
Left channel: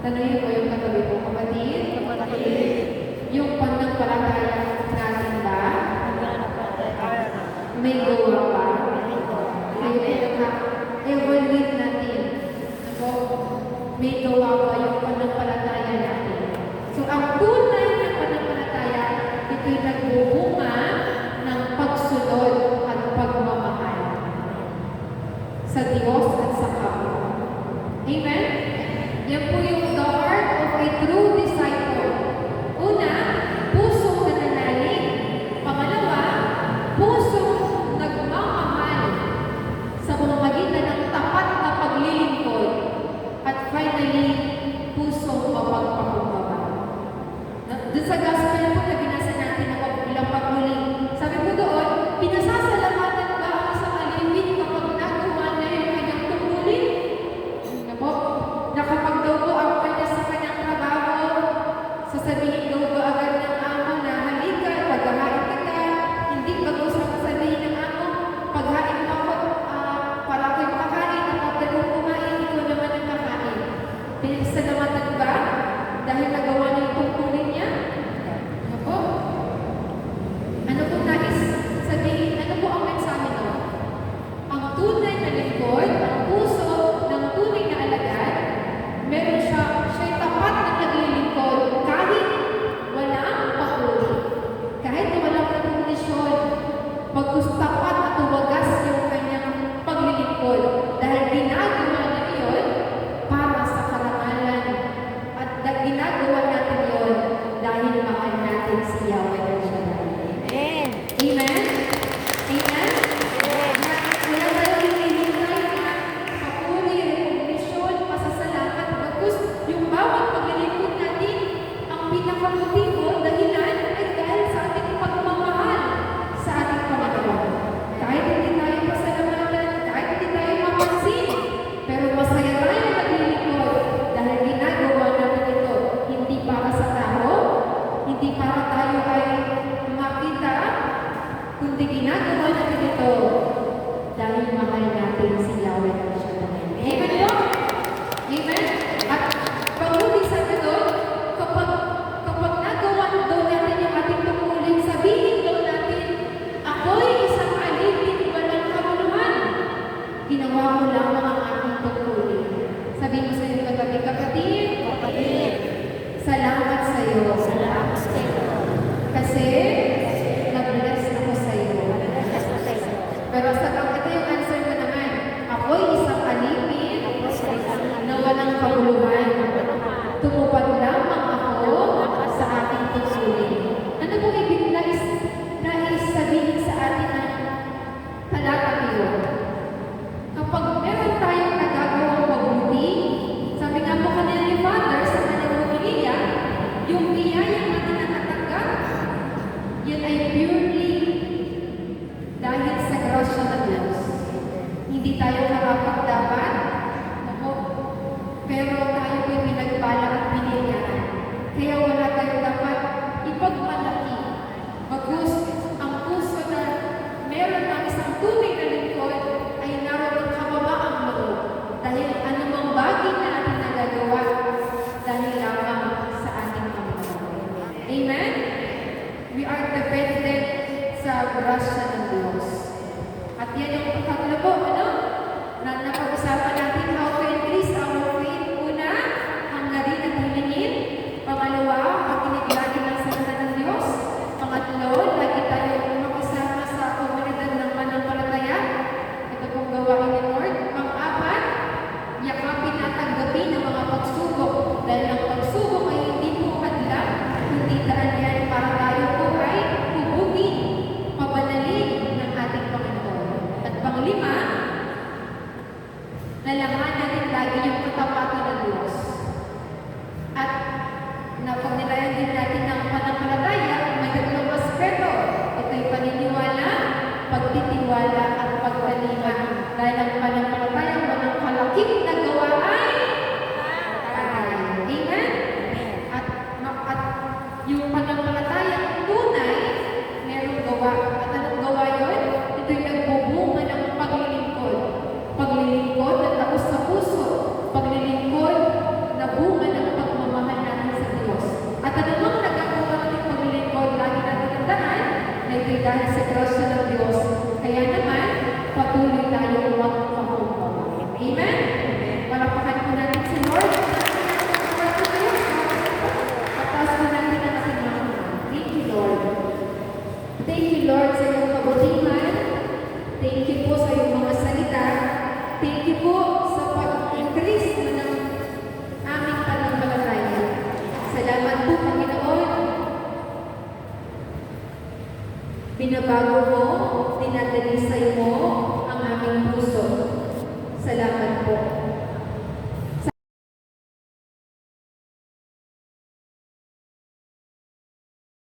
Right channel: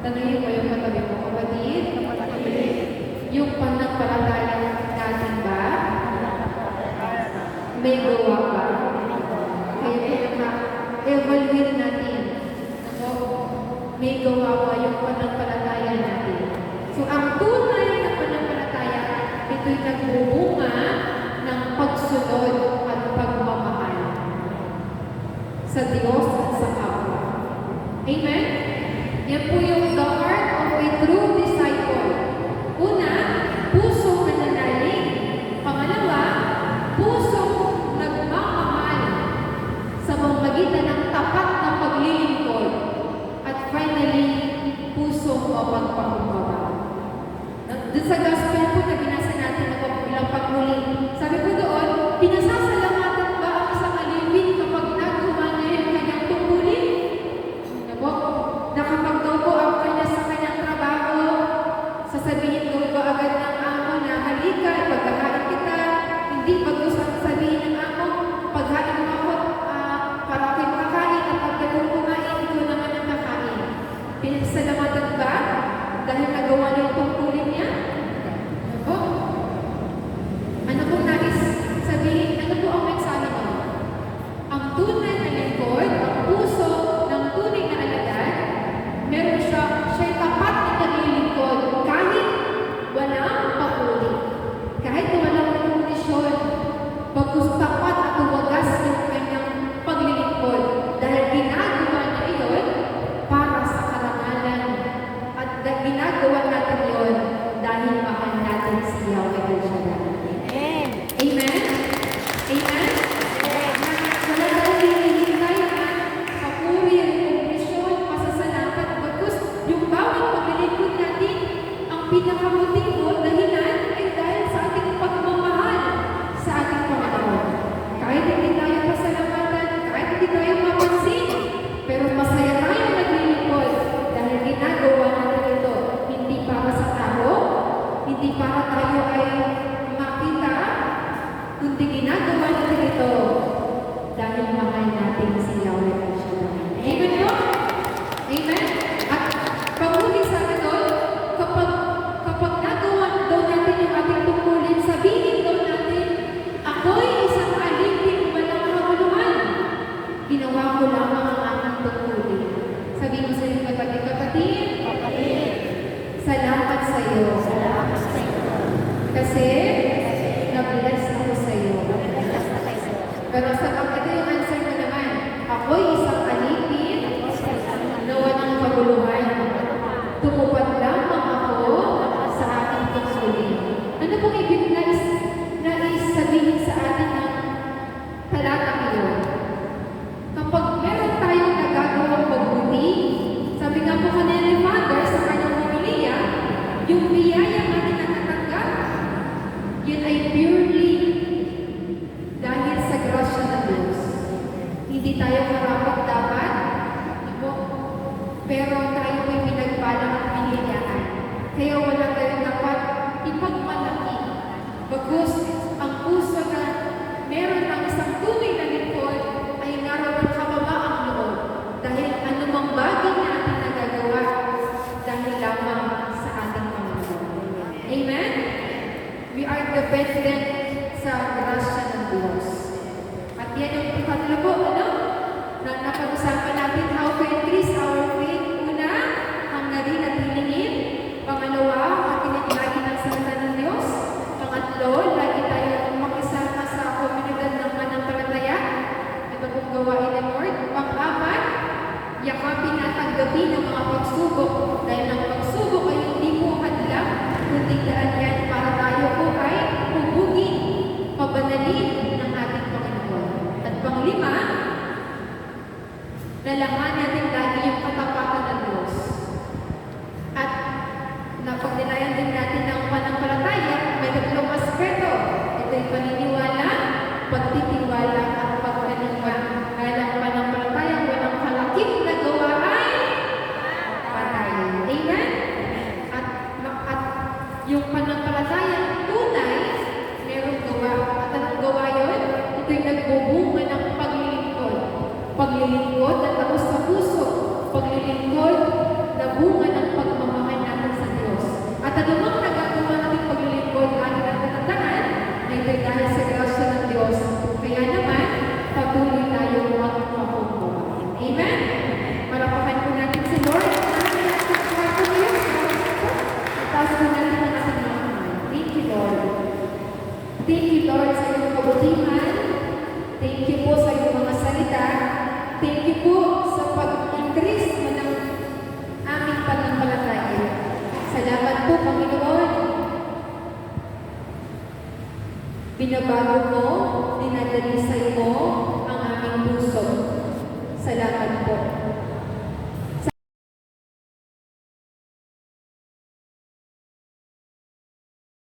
Tanungin mo yung katabi mo, kapatid. Yung pananampalataya natin ba? May gawa ba? Evaluate natin. So, may gawa ba yung pananampalataya natin? So, ang tunay na pananampalataya, ito'y nagbubunga ng pagsunod at pagmamahal sa Diyos at sa kapwa. Amen? Yan po yung the heart of a true disciple. Una, puso nananalig. Pangalawa, puso nagmamahal sa pamamagitan ng tapat na paglilingkod. At finally, puso mapagpakumbaba. Doon sa gospel po na binasa natin ang ilang pagmuli, sabi ko doon, pinasasalamatan ba ang isang alipin kapag nagawa na yung kanyang tungkulin? Nakapag daw po ang kanya sa kanyang trabaho, sasabihin daw ba agad ng amo na halika, paghahain kita, hindi bago sasabihin ng amo, paghain mo ako para ako'y makakain at pagkaroon kumain, ikaw naman ang kakain. Pinasalamatan ba dahil nagawa ng tungkulin niya? Ako? Ano pong nais sabihin? Ano po ang mensahe mo? Ang tunay na lingkod, ang puso ng tunay na alagad, meron siya'y tapat na naglilingkod kahit walang pauli. Kahit walang kondisyon, bagkus tapat at tumagas yung kanyang paglilingkod dahil ginagawa na iyon para sa karangalan at ginagawa natin iyon dahil mahal natin si Yahweh El Shaddai. Amen? Amen? Wala tayong hinihintay na papuri, recognition, pasasalamat. Bagkus yung bawat paglilingkod natin, ang pinakabuting dahilan ay dahil sa ating pagmamahal sa ating Panginoon. Kahit hindi tayo pasalamatan, kahit hindi tayo mapansin, pero masaya tayo naglilingkod dahil ginagawa natin ito hindi para sa tao, hindi para tayo ay makita, kundi ginagawa natin ito dahil mahal natin si Yahweh El Shaddai. Amen po? Amen? At pag-uwi sa doon, kapag nagawa doon natin yung ating tungkulin, sabihin doon natin, ako'y isang alipin walang kamuluhan. Ginawa ko lamang ang aking tungkulin. Sabihin mo sa iyo, kapatid, salamat sa iyo. Kasi, na-bless ako sa iyo. Pero sa ito yung answer ko naman, ako'y isang alipin na walang kabuluhan. Tumupad lamang ako sa aking tungkulin. Ano pong ibig nais sabihin sa atin ng talatang iyon? Kapag meron tayong nagagawang mabuti, sabi nga po kanina ni Father sa kanyang pamilya, yung biyaya natin na natanggap, yun ay purely dahil sa grasya ng Diyos. Hindi tayo karapat-dapat, pero tayo ay pinagpala at binigyan. Kaya wala tayo dapat ipagmalaki. Bagkus ang puso na meron ng isang tunay na lingkod ay naroon kababaang loob. Dahil anumang bagay na ating nagagawa, dahil lamang sa ating Panginoon. Amen? We are dependent sa grasya ng Diyos. At yan yung tatlo po, na napag-usapan natin how to increase our faith. Una, hangarin at hilingin. Pangalawa, makinig lagi ng salita ng Diyos. Pangatlo, lagi tayo makisama sa komunidad ng pananampalataya. Ito pong gawain ni Lord. Pang-apat, yakapin at tanggapin ang mga pagsubok. Dahil ang pagsubok ay hindi po hadlang, kundi daan yan para tayo po ay hubugin, pabanalin ng ating Panginoon. At panglima, lalaman natin lagi yung katapatan ng Diyos. At napagnilayan din natin ng pananampalataya, may tatlong aspeto. Ito'y paniniwala, pagtitiwala, at pagkaliwa. Dahil ang pananampalataya, walang kalakip na gawa ay patay. Amen? na bago